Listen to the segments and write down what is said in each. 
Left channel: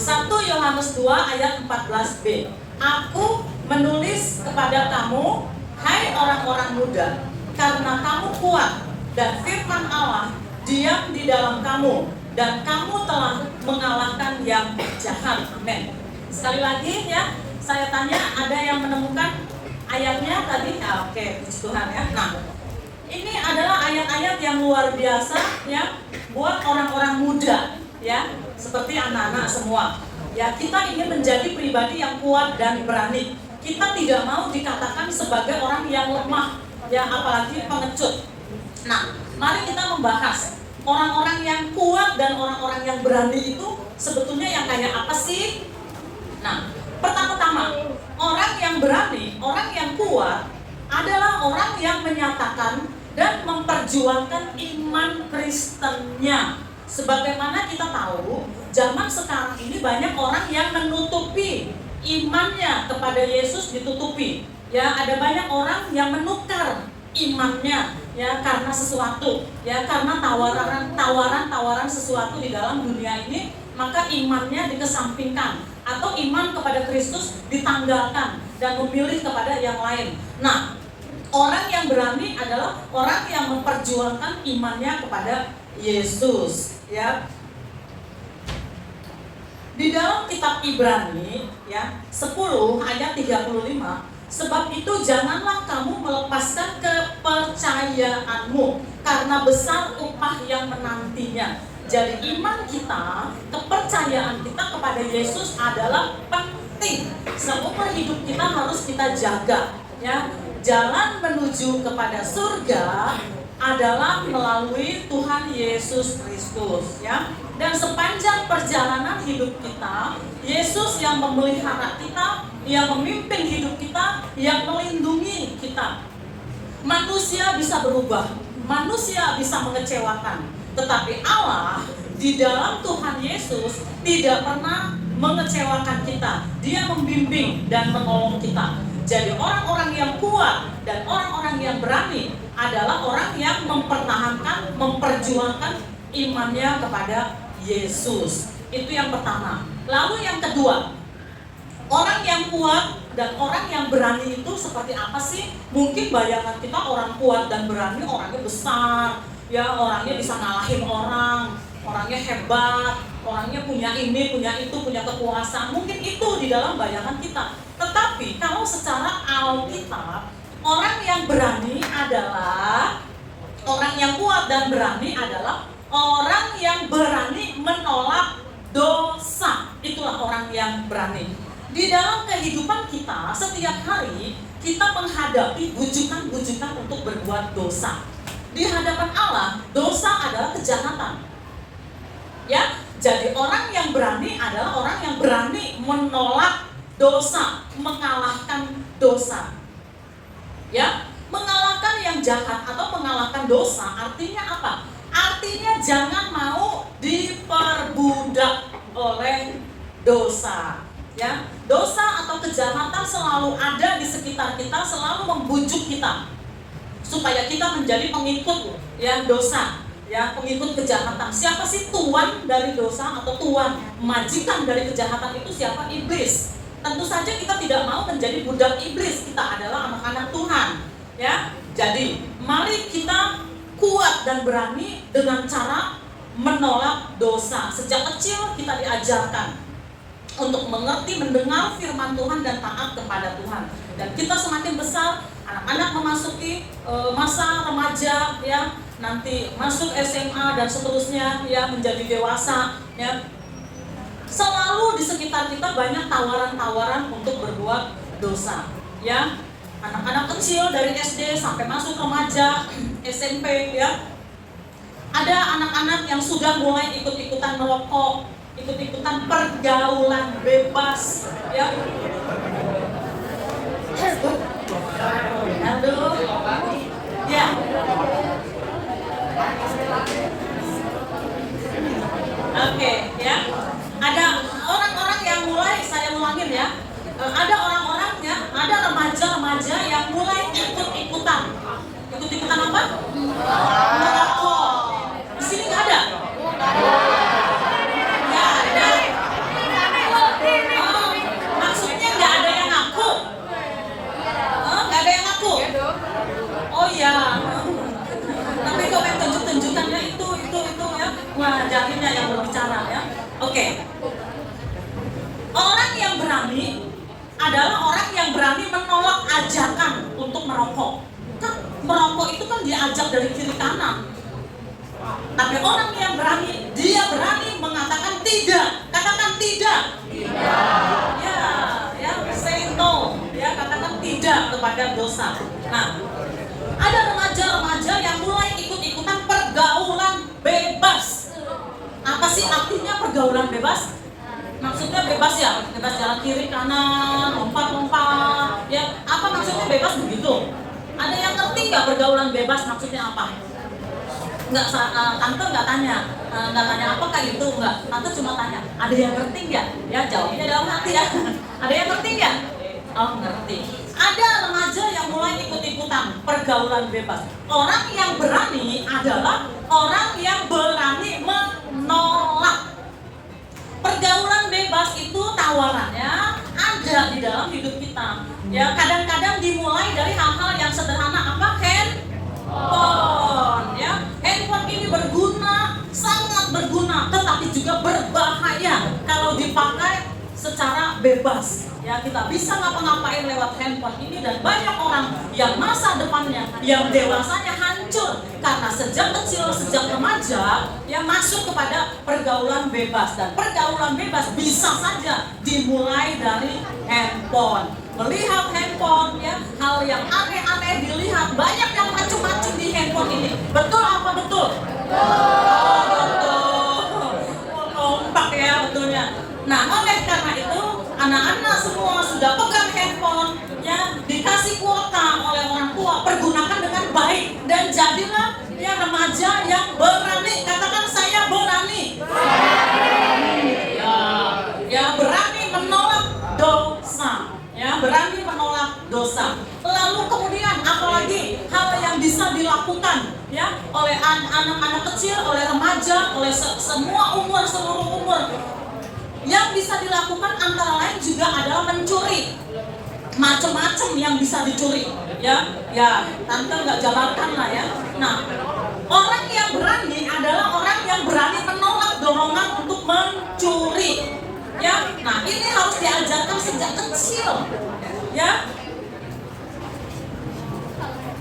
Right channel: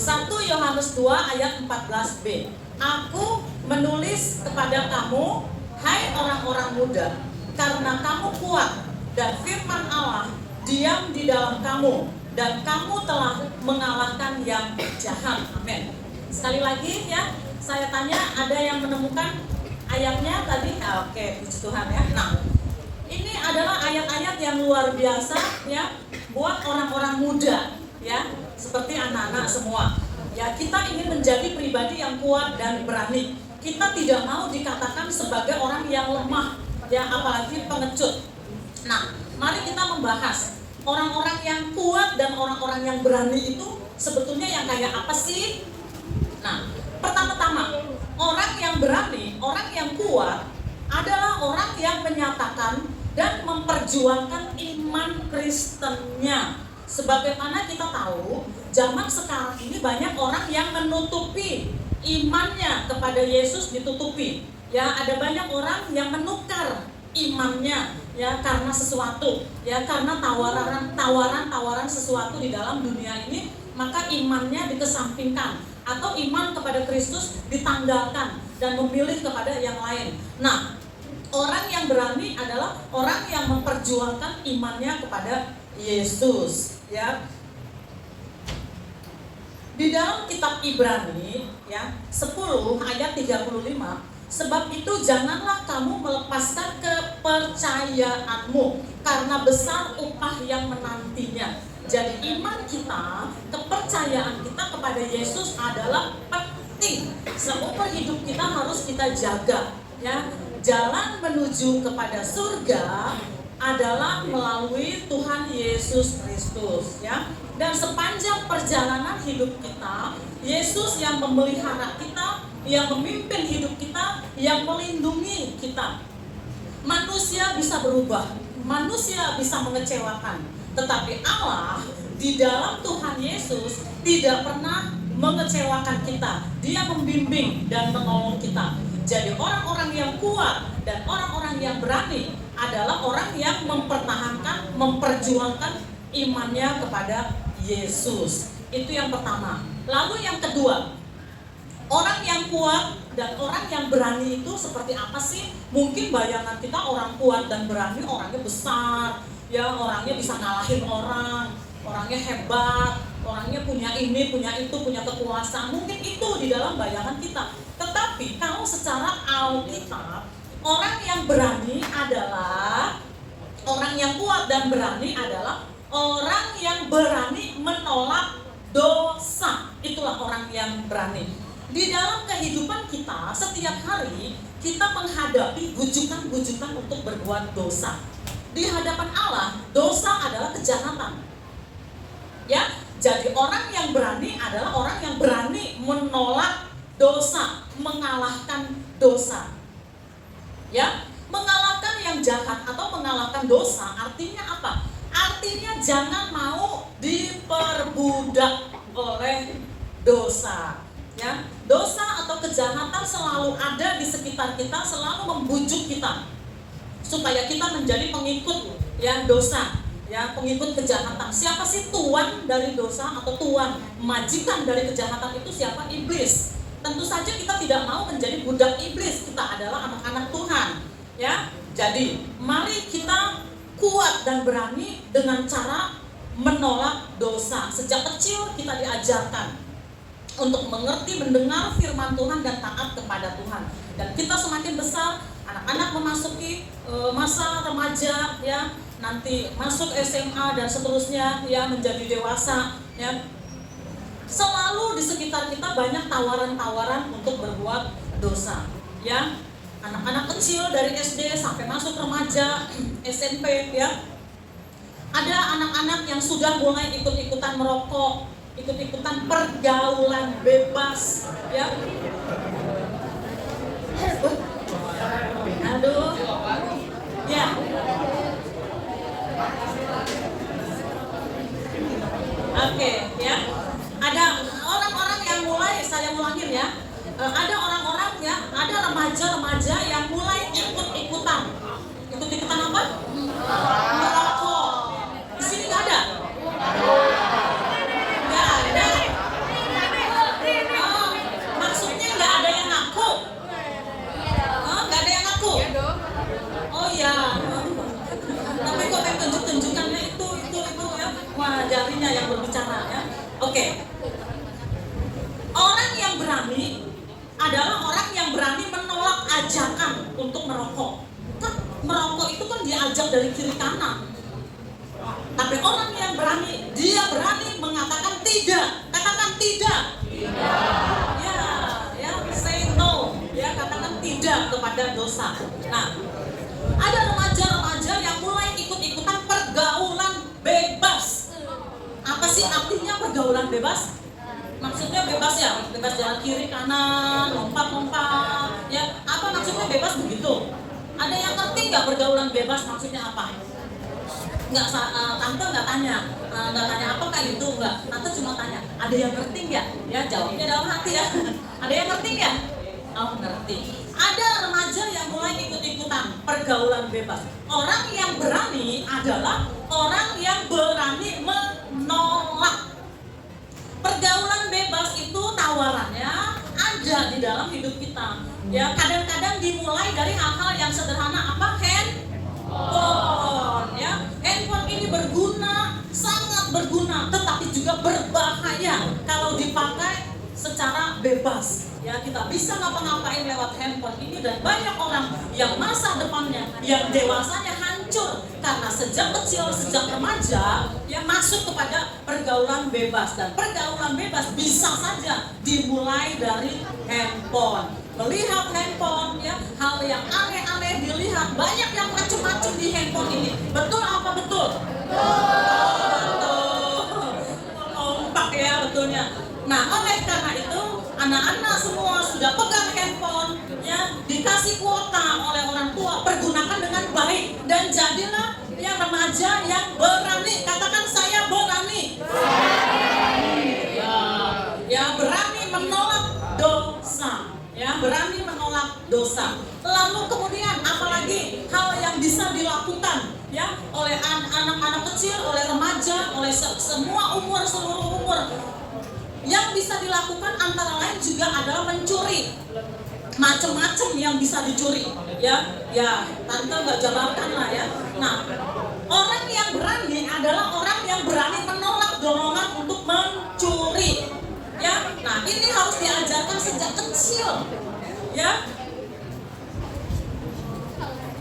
1 Yohanes 2 ayat 14b. Aku menulis kepada kamu, hai orang-orang muda, karena kamu kuat dan firman Allah diam di dalam kamu, dan kamu telah mengalahkan yang jahat. Amin. Sekali lagi ya, saya tanya, ada yang menemukan ayatnya tadi? Oke, puji Tuhan ya. Nah, ini adalah ayat-ayat yang luar biasa ya, buat orang-orang muda ya, seperti anak-anak semua. Ya, kita ingin menjadi pribadi yang kuat dan berani. Kita tidak mau dikatakan sebagai orang yang lemah, ya, apalagi pengecut. Nah, mari kita membahas orang-orang yang kuat dan orang-orang yang berani itu sebetulnya yang kayak apa sih? Nah, pertama-tama, orang yang berani, orang yang kuat adalah orang yang menyatakan dan memperjuangkan iman Kristennya. Sebagaimana kita tahu, zaman sekarang ini banyak orang yang menutupi imannya kepada Yesus, ditutupi. Ya, ada banyak orang yang menukar imannya ya karena sesuatu, ya karena tawaran sesuatu di dalam dunia ini, maka imannya dikesampingkan atau iman kepada Kristus ditanggalkan dan memilih kepada yang lain. Nah, orang yang berani adalah orang yang memperjuangkan imannya kepada Yesus, ya. Di dalam kitab Ibrani ya 10 ayat 35, sebab itu janganlah kamu melepaskan kepercayaanmu, karena besar upah yang menantinya. Jadi iman kita, kepercayaan kita kepada Yesus adalah penting. Seumur hidup kita harus kita jaga ya. Jalan menuju kepada surga adalah melalui Tuhan Yesus Kristus ya. Dan sepanjang perjalanan hidup kita, Yesus yang memelihara kita, yang memimpin hidup kita, yang melindungi kita. Manusia bisa berubah, manusia bisa mengecewakan, tetapi Allah di dalam Tuhan Yesus tidak pernah mengecewakan kita. Dia membimbing dan menolong kita. Jadi orang-orang yang kuat dan orang-orang yang berani adalah orang yang mempertahankan, memperjuangkan imannya kepada Yesus. Itu yang pertama. Lalu yang kedua, orang yang kuat dan orang yang berani itu seperti apa sih? Mungkin bayangan kita orang kuat dan berani orangnya besar, ya orangnya bisa ngalahin orang, orangnya hebat, orangnya punya ini, punya itu, punya kekuasaan. Mungkin itu di dalam bayangan kita. Tetapi kalau secara Alkitab, orang yang berani adalah, orang yang kuat dan berani adalah orang yang berani menolak dosa. Itulah orang yang berani. Di dalam kehidupan kita, setiap hari kita menghadapi bujukan-bujukan untuk berbuat dosa. Di hadapan Allah, dosa adalah kejahatan. Ya, jadi orang yang berani adalah orang yang berani menolak dosa, mengalahkan dosa. Ya, mengalahkan yang jahat atau mengalahkan dosa artinya apa? Artinya jangan mau diperbudak oleh dosa. Ya, dosa atau kejahatan selalu ada di sekitar kita, selalu membujuk kita supaya kita menjadi pengikut yang dosa, ya, pengikut kejahatan. Siapa sih tuan dari dosa atau tuan majikan dari kejahatan itu? Siapa? Iblis. Tentu saja kita tidak mau menjadi budak iblis. Kita adalah anak-anak Tuhan, ya. Jadi mari kita kuat dan berani dengan cara menolak dosa. Sejak kecil kita diajarkan untuk mengerti, mendengar firman Tuhan dan taat kepada Tuhan. Dan kita semakin besar, anak-anak memasuki masa remaja, ya, nanti masuk SMA dan seterusnya, ya, menjadi dewasa, ya. Selalu di sekitar kita banyak tawaran-tawaran untuk berbuat dosa, ya. Anak-anak kecil dari SD sampai masuk remaja, SMP, ya. Ada anak-anak yang sudah mulai ikut-ikutan merokok, ikut-ikutan pergaulan bebas, ya. Aduh, ya. Oke, ya. Ada orang-orang yang mulai, saya ulangin ya. Ada orang-orang ya, ada remaja-remaja yang mulai ikut-ikutan. Ikut-ikutan apa? Merokok. Di sini nggak ada? Nggak ada. merokok. Kan merokok itu kan diajak dari kiri kanan. Tapi orang yang berani, dia berani mengatakan tidak. Katakan tidak. Ya, say no. Ya, katakan tidak kepada dosa. Nah, ada remaja-remaja yang mulai ikut-ikutan pergaulan bebas. Apa sih artinya pergaulan bebas? Maksudnya bebas ya, bebas jalan kiri kanan, lompat-lompat. Ya, apa maksudnya bebas begitu? Ada yang ngerti nggak pergaulan bebas maksudnya apa? Tante nggak tanya apakah itu nggak. Tante cuma tanya, ada yang ngerti nggak? Ya jawabnya dalam hati ya. Ada yang ngerti nggak? Oh ngerti. Ada remaja yang mulai ikut-ikutan pergaulan bebas. Orang yang berani adalah orang yang berani menolak. Pergaulan bebas itu tawarannya ada di dalam hidup kita. Ya, kadang-kadang dimulai dari hal-hal yang sederhana, apa? Handphone. Ya, handphone ini berguna, sangat berguna, tetapi juga berbahaya kalau dipakai secara bebas. Ya, kita bisa ngapa-ngapain lewat handphone ini, dan banyak orang yang masa depannya, yang dewasanya hancur karena sejak kecil, sejak remaja yang masuk kepada pergaulan bebas. Dan pergaulan bebas bisa saja dimulai dari handphone. Melihat handphone, ya, hal yang aneh-aneh dilihat, banyak yang macam-macam di handphone ini. Betul apa betul? Oh, betul. Kompak ya betulnya. Nah, oleh karena itu anak-anak semua sudah pegang handphone, ya, dikasih kuota oleh orang tua, pergunakan dengan baik dan jadilah ya remaja yang berani. Katakan saya berani. Ya berani menolak dosa. Ya, berani menolak dosa. Lalu kemudian apalagi hal yang bisa dilakukan ya oleh anak-anak kecil, oleh remaja, oleh semua umur, seluruh umur. Yang bisa dilakukan antara lain juga adalah mencuri. Macam-macam yang bisa dicuri, ya, tante nggak jabarkan lah ya. Nah, orang yang berani adalah orang yang berani menolak dorongan untuk mencuri, ya. Nah, ini harus diajarkan sejak kecil, ya.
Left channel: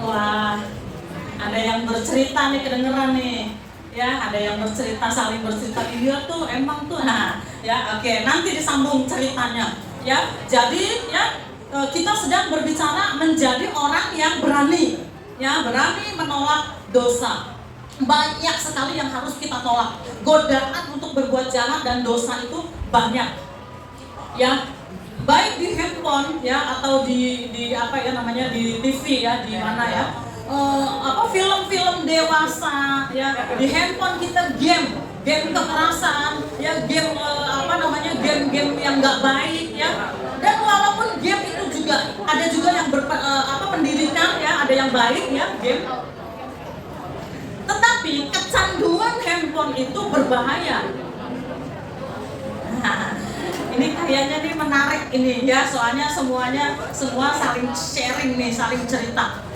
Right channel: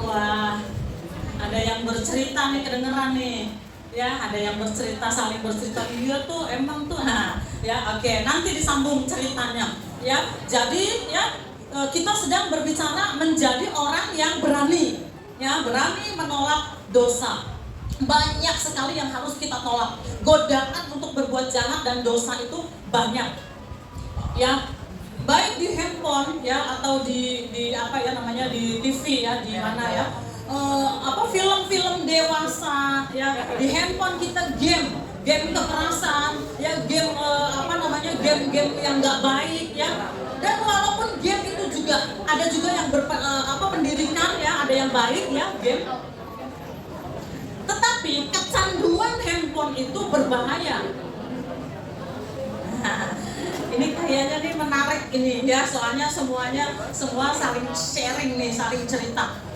Wah, ada yang bercerita nih, kedengeran nih. Ya, ada yang bercerita, saling bercerita, dia tuh emang tuh, nah, ya, oke, nanti disambung ceritanya, ya. Jadi, ya, kita sedang berbicara menjadi orang yang berani, ya, berani menolak dosa. Banyak sekali yang harus kita tolak. Godaan untuk berbuat jahat dan dosa itu banyak, ya, baik di handphone, ya, atau di apa ya namanya, di TV, ya, di mana ya. Film-film dewasa, ya, di handphone kita game kekerasan, ya, game game yang nggak baik, ya. Dan walaupun game itu juga ada juga yang pendidikan, ya, ada yang baik, ya, game. Tetapi kecanduan handphone itu berbahaya. Nah, ini kayaknya nih menarik ini, ya, soalnya semua saling sharing nih, saling cerita.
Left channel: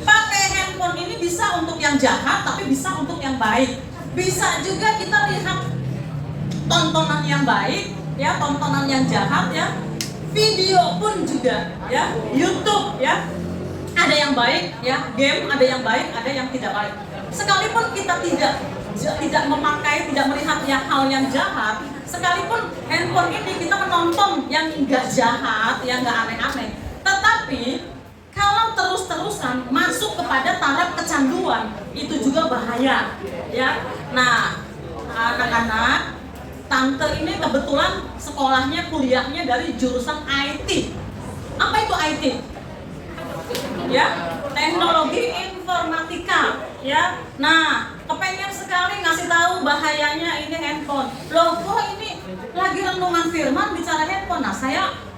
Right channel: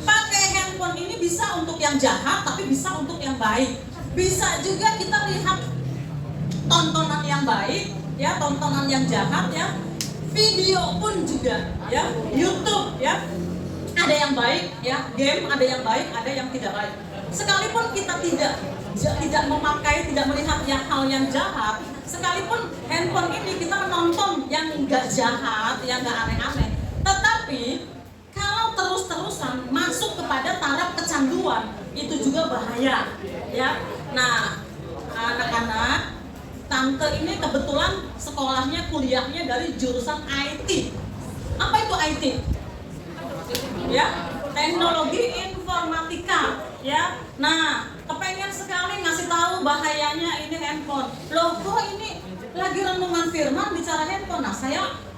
Pakai handphone ini bisa untuk yang jahat, tapi bisa untuk yang baik. Bisa juga kita lihat tontonan yang baik, ya, tontonan yang jahat, ya. Video pun juga, ya, YouTube, ya. Ada yang baik, ya, game ada yang baik, ada yang tidak baik. Sekalipun kita tidak memakai, tidak melihat hal yang jahat, sekalipun handphone ini kita menonton yang enggak jahat, yang enggak aneh-aneh, tetapi kalau terus-terusan masuk kepada taraf kecanduan, itu juga bahaya, ya. Nah, anak-anak, tante ini kebetulan sekolahnya, kuliahnya dari jurusan IT. Apa itu IT? Ya, teknologi informatika, ya. Nah, kepengen sekali ngasih tahu bahayanya ini handphone. Loh, kok ini lagi renungan firman bicara handphone? Nah,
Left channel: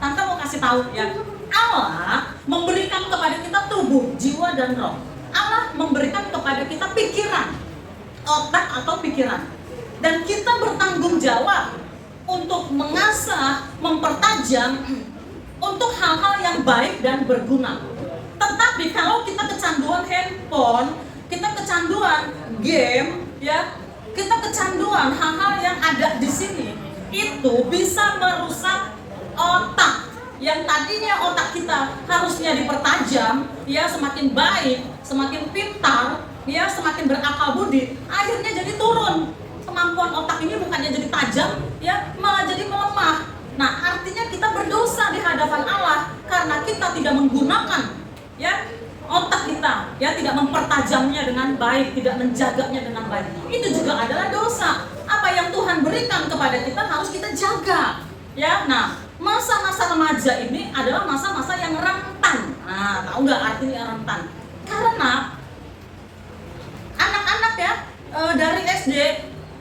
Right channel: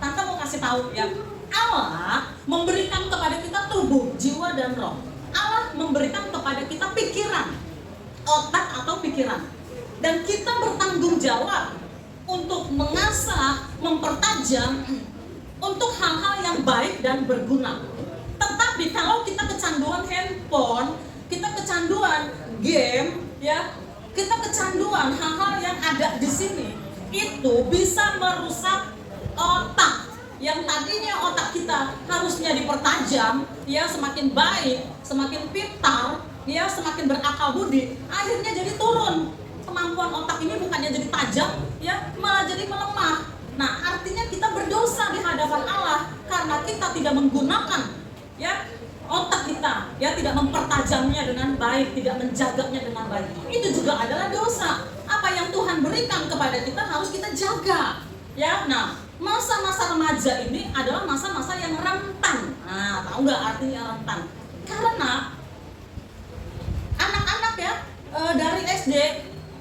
tante mau kasih tahu, ya. Allah memberikan kepada kita tubuh, jiwa, dan roh. Allah memberikan kepada kita pikiran, otak atau pikiran. Dan kita bertanggung jawab untuk mengasah, mempertajam untuk hal-hal yang baik dan berguna. Tetapi kalau kita kecanduan handphone, kita kecanduan game, ya, kita kecanduan hal-hal yang ada di sini, itu bisa merusak otak. yang tadinya otak kita harusnya dipertajam, ya semakin baik, semakin pintar, ya semakin berakal budi, akhirnya jadi turun. Kemampuan otak ini bukannya jadi tajam, ya malah jadi melemah. Nah, artinya kita berdosa di hadapan Allah karena kita tidak menggunakan, ya otak kita, ya tidak mempertajamnya dengan baik, tidak menjaganya dengan baik. Itu juga adalah dosa. Apa yang Tuhan berikan kepada kita harus kita jaga, ya. Nah, masa-masa remaja ini adalah masa-masa yang rentan. Nah, tahu nggak artinya rentan? Karena anak-anak ya dari SD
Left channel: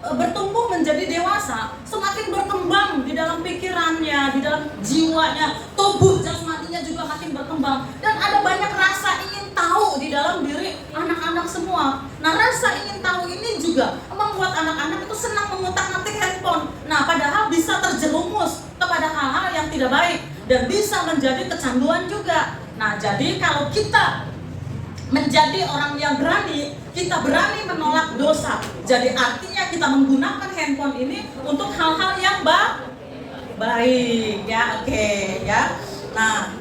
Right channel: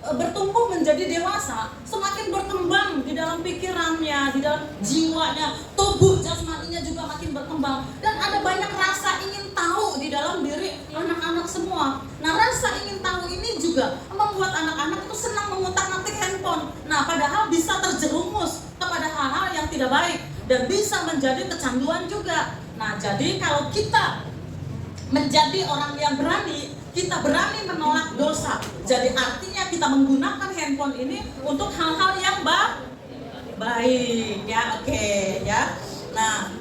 bertumbuh menjadi dewasa, semakin berkembang di dalam pikirannya, di dalam jiwanya, tubuh jasmaninya juga makin berkembang, dan ada banyak rasa ingin tahu di dalam diri anak-anak semua. Nah, rasa ingin tahu ini juga membuat anak-anak itu senang mengutak-atik handphone. Nah, padahal bisa terjerumus kepada hal-hal yang tidak baik dan bisa menjadi kecanduan juga. Nah, jadi kalau kita menjadi orang yang berani, kita berani menolak dosa. Jadi artinya kita menggunakan handphone ini untuk hal-hal yang baik, ya, oke, ya. Nah,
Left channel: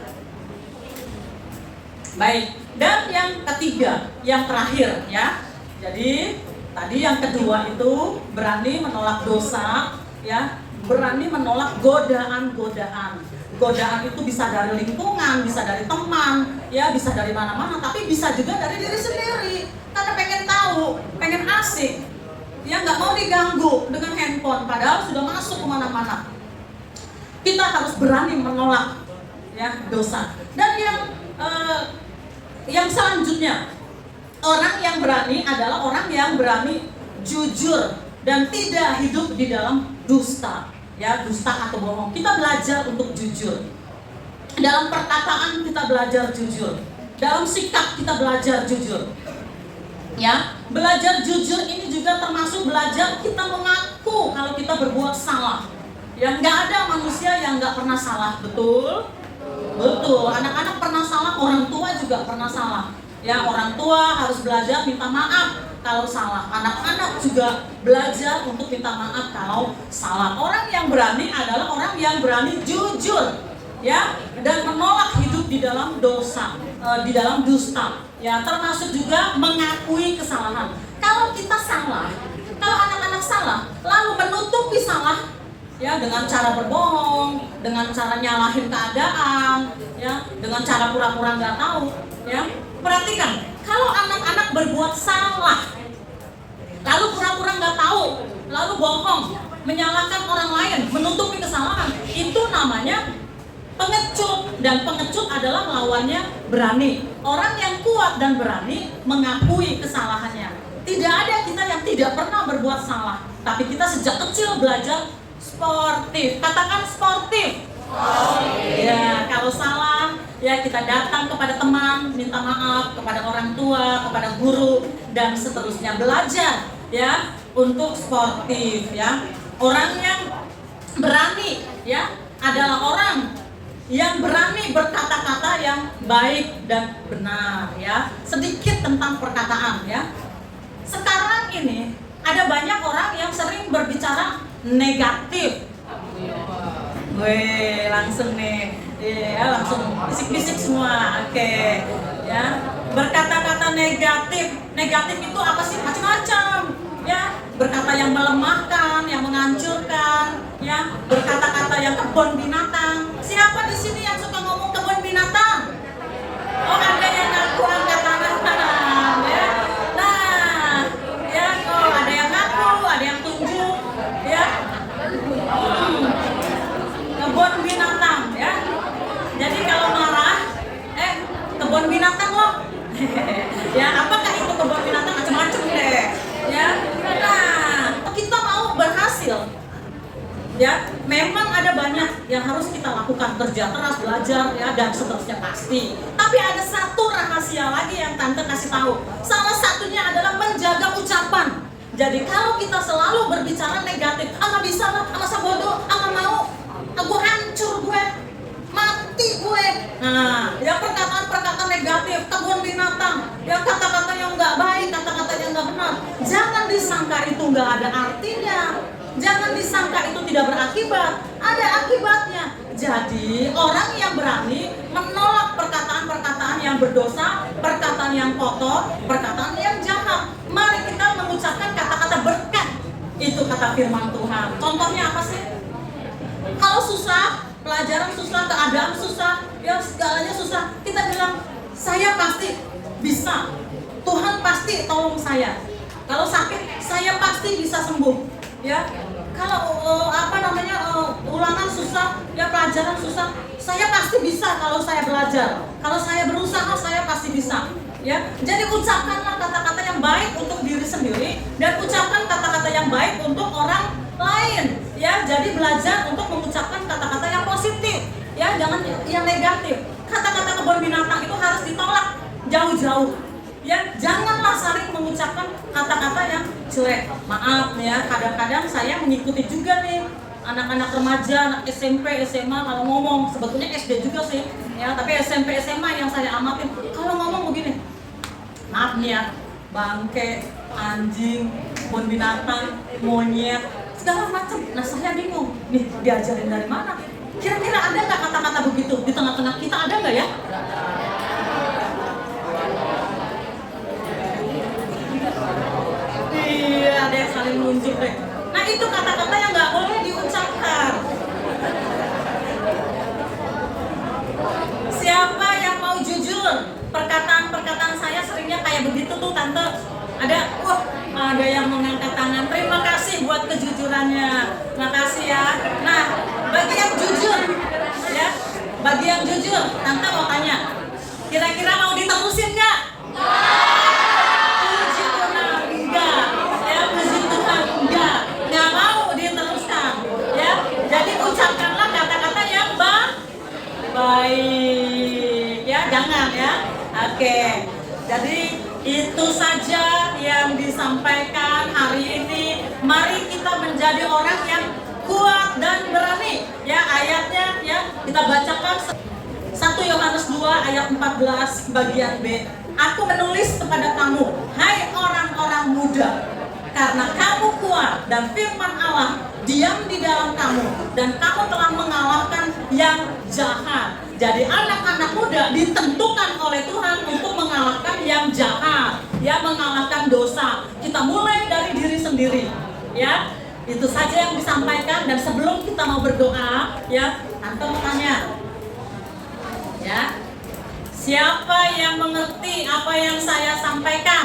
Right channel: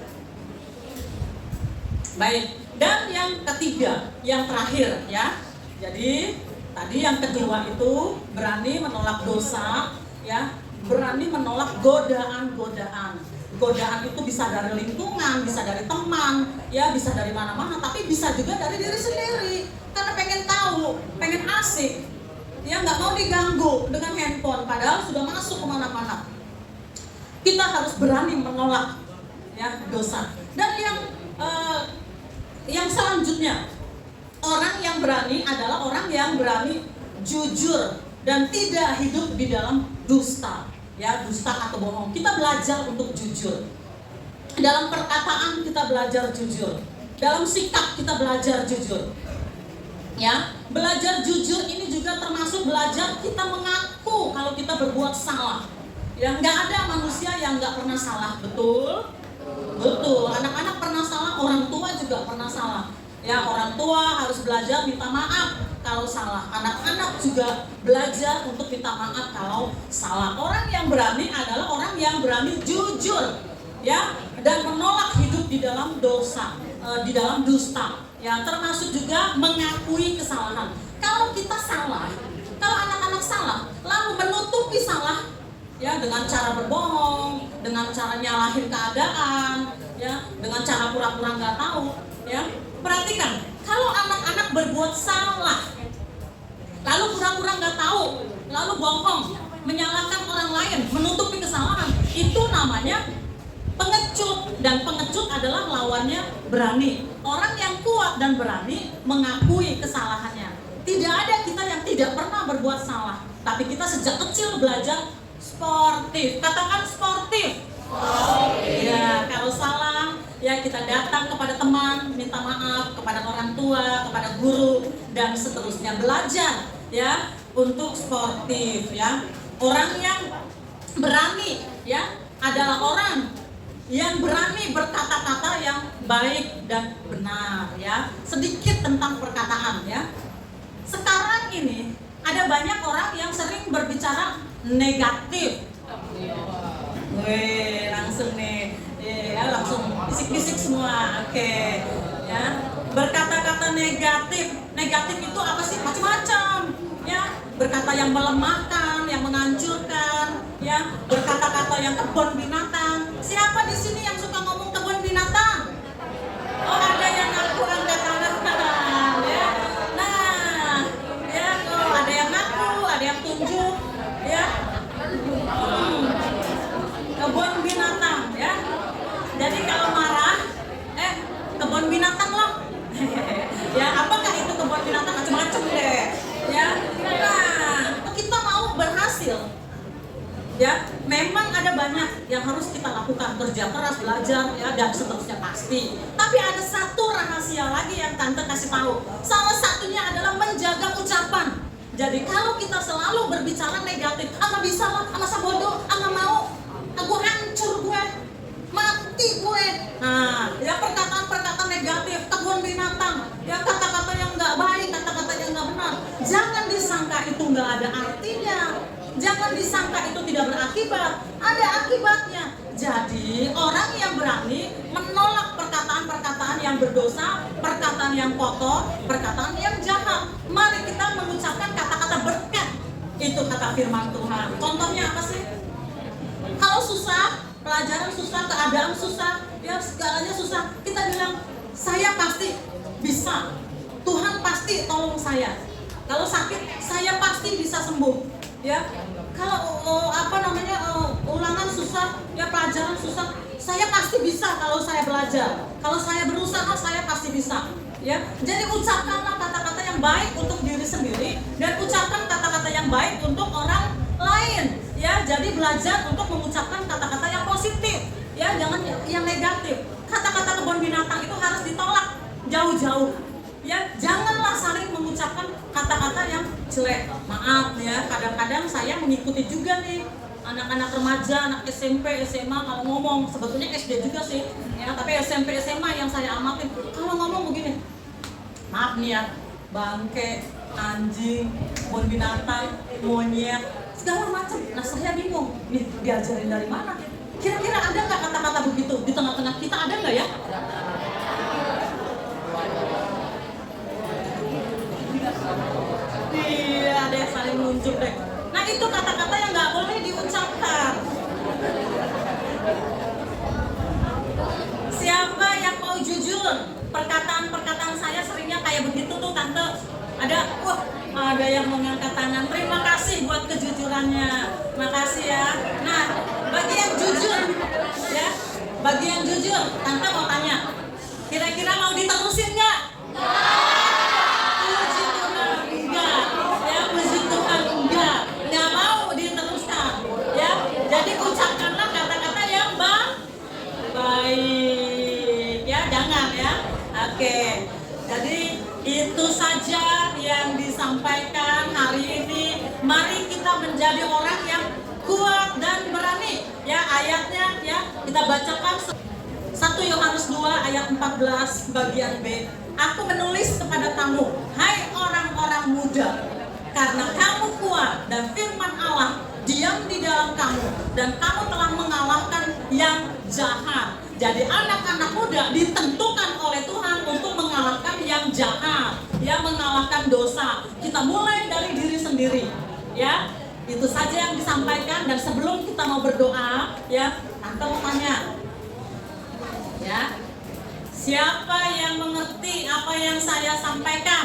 baik. Dan yang ketiga, yang terakhir, ya. Jadi tadi yang kedua itu berani menolak dosa, ya, berani menolak godaan-godaan. Godaan itu bisa dari lingkungan, bisa dari teman, ya bisa dari mana-mana, tapi bisa juga dari diri sendiri. Karena pengen tahu, pengen asik, ya nggak mau diganggu dengan handphone, padahal sudah masuk kemana-mana. Kita harus berani menolak, ya dosa. Dan yang selanjutnya, orang yang berani adalah orang yang berani jujur dan tidak hidup di dalam dusta. Ya, dusta atau bohong. Kita belajar untuk jujur. Dalam perkataan kita belajar jujur. Dalam sikap kita belajar jujur. Ya, belajar jujur ini juga termasuk belajar kita mengaku kalau kita berbuat salah. Ya, nggak ada manusia yang nggak pernah salah, betul? Betul. Anak-anak pernah salah, orang tua juga pernah salah. Ya, orang tua harus belajar minta maaf kalau salah. Anak-anak juga belajar untuk minta maaf kalau salah. Orang yang berani adalah orang yang berani jujur, ya, dan menolak hidup di dalam dosa, di dalam dusta, ya, termasuk juga mengakui kesalahan. Kalau kita salah, kalau anak-anak salah, lalu menutupi salah, ya, dengan cara berbohong, dengan cara nyalahin keadaan, ya, dengan cara pura-pura nggak tahu, ya. Perhatikan, kalau anak-anak berbuat salah, lalu pura-pura nggak tahu, lalu bohong, menyalahkan orang lain, menutupi kesalahan, itu namanya pengecut. Dan pengecut adalah lawannya berani. Orang yang kuat dan berani mengakui kesalahannya. Tidak ada kita yang tidak pernah berbuat salah, tapi kita sejak kecil belajar sportif. Katakan sportif. Ya, kalau salah, ya kita datang kepada teman, minta maaf, kepada orang tua, kepada guru, dan seterusnya. Belajar, ya, untuk sportif, ya. Orang yang berani, ya, adalah orang yang berani berkata-kata yang baik dan benar, ya. Sedikit tentang perkataan, ya. Sekarang ini ada banyak orang yang sering berbicara negatif. Wih, langsung nih, ya, langsung bisik-bisik semua, oke, ya. Berkata-kata negatif, negatif itu apa sih? Macam-macam, ya. Berkata yang melemahkan, yang menghancurkan, ya. Berkata-kata yang kebun binatang. Siapa di sini yang suka ngomong kebun binatang? Oh, ada yang ngaku angkat tangan, ya. Nah, ya, oh, ada yang ngaku, ada yang tunjuk, ya. Kebun binatang, ya. Jadi kalau marah, kebun binatang loh. Ya, apakah itu kebun binatang? Macam-macam deh, ya. Nah, kita mau berhasil, ya. Memang ada banyak yang harus kita lakukan, kerja keras, belajar, ya, dan seterusnya pasti. Tapi ada satu rahasia lagi yang Tante kasih tahu. Salah satunya adalah menjaga ucapan. Jadi kalau kita selalu berbicara negatif, nggak bisa lah, masa bodoh, nggak mau, gue hancur, gue mati gue. Nah, ya perkataan-perkataan negatif, kebun binatang, ya kata-kata yang nggak baik, kata-kata yang nggak benar. Jangan disangka itu nggak ada artinya. Jangan disangka itu tidak berakibat, ada akibatnya. Jadi orang yang berani menolak perkataan-perkataan yang berdosa, perkataan yang kotor, perkataan yang jahat. Mari kita mengucapkan kata-kata berkat. Itu kata firman Tuhan. Contohnya apa sih? Kalau susah, pelajaran susah, keadaan susah, ya segalanya susah, kita bilang, saya pasti bisa. Tuhan pasti tolong saya. Kalau sakit, saya pasti bisa sembuh. Ya, kalau ulangan susah, ya pelajaran susah, saya pasti bisa kalau saya belajar. Kalau saya berusaha, saya pasti bisa. Ya, jadi ucapkanlah kata-kata yang baik untuk diri sendiri dan ucapkan kata-kata yang baik untuk orang lain. Ya, jadi belajar untuk mengucapkan kata-kata yang positif. Ya, jangan yang negatif. Kata-kata kebun binatang itu harus ditolak jauh-jauh. Ya, janganlah saling mengucapkan kata-kata yang jelek. Maaf ya, kadang-kadang saya mengikuti juga nih anak-anak remaja, anak SMP, SMA kalau ngomong, sebetulnya SD juga sih, ya, tapi SMP, SMA yang saya amatin kalau ngomong begini. Maaf nih ya, bangke, anjing, kebun binatang, monyet, segala macam. Nah, saya bingung, nih diajarin dari mana? Kira-kira ada nggak kata-kata begitu di tengah-tengah kita, ada nggak ya? Iya deh, saling nunjuk deh. Nah, itu kata-kata yang nggak boleh diucapkan. Siapa yang mau jujur? Perkataan-perkataan saya seringnya kayak begitu tuh tante. Ada yang mengangkat tangan. Terima kasih buat kejujurannya. Makasih ya. Nah, bagi yang jujur, ya, bagi yang jujur, tante mau tanya. Kira-kira mau diterusin nggak? Puji Tuhan, enggak. Ya, puji Tuhan, enggak. Nggak mau diteruskan. Ya, jadi ucapkanlah kata-kata yang baik. Ya, jangan ya. Oke. Jadi itu saja yang disampaikan hari ini. Mari kita menjadi orang yang kuat dan berani. Ya, ayatnya ya kita bacakan 1 Yohanes 2 ayat 14 bagian B. Aku menulis kepada kamu, hai orang-orang muda, karena kamu kuat dan firman Allah diam di dalam kamu dan kamu telah mengalahkan yang jahat. Jadi anak-anak muda ditentukan oleh Tuhan untuk mengalahkan yang jahat, ya, mengalahkan dosa. Kita mulai dari diri sendiri, ya. Itu saja yang disampaikan. Dan sebelum kita mau berdoa, ya, tante mau tanya, ya, siapa yang mengerti apa yang saya sampaikan?